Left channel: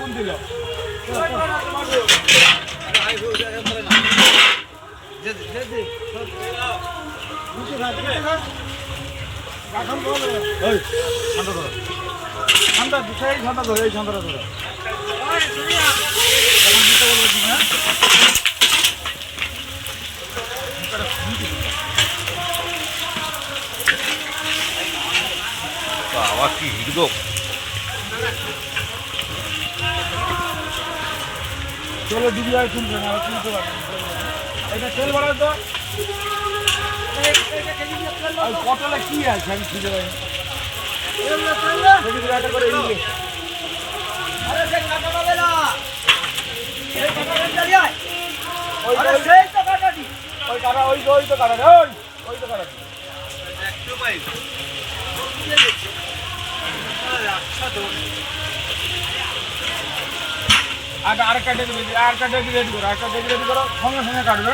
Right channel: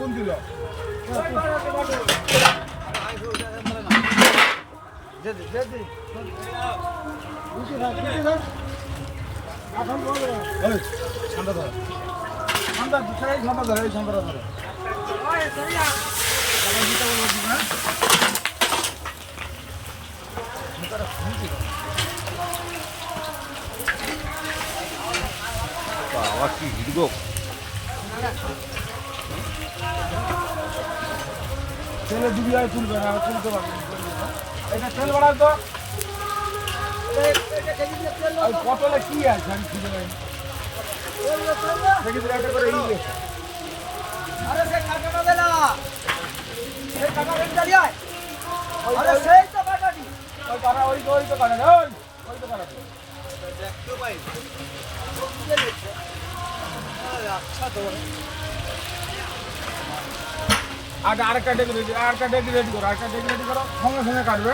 আগুন দিল ঠান্ডা দুটাই ঠান্ডা ধরে এই ঠান্ডাটা ধরে বাবা কি হিড়দোক চলে দিদি আর তুলবে না আর তুলতে পারবে এটা তেল বাড়াও তো পটলে কি আছে আমি খুঁজে পাই দেখি একটা করে এই গেছে আরে সে কাটাটা দে না এই কাটাটা চালিয়ে আয় ওই আরে সেই তো কাটাটি ওই কাটা ওই তো কাটা রে ওই তো কাটা আরেকটা ডেকে রেডি করো আরেকটা ডেকে রেডি করো সঙ্গে সঙ্গে কাটবে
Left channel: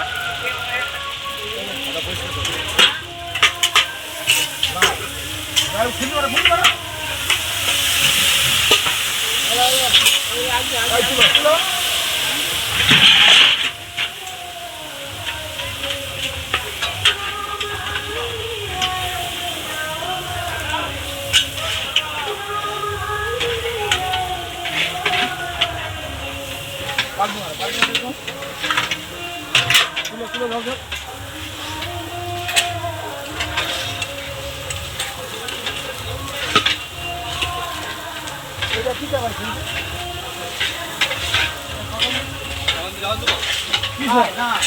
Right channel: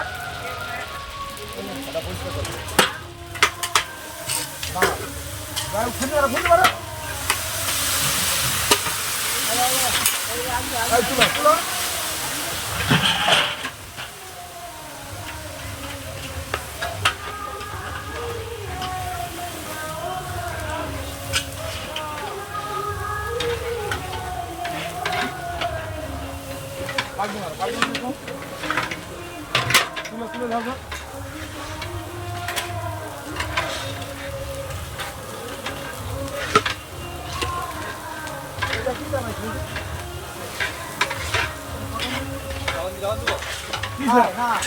খুলতে পারো তুলো তুলো ধরো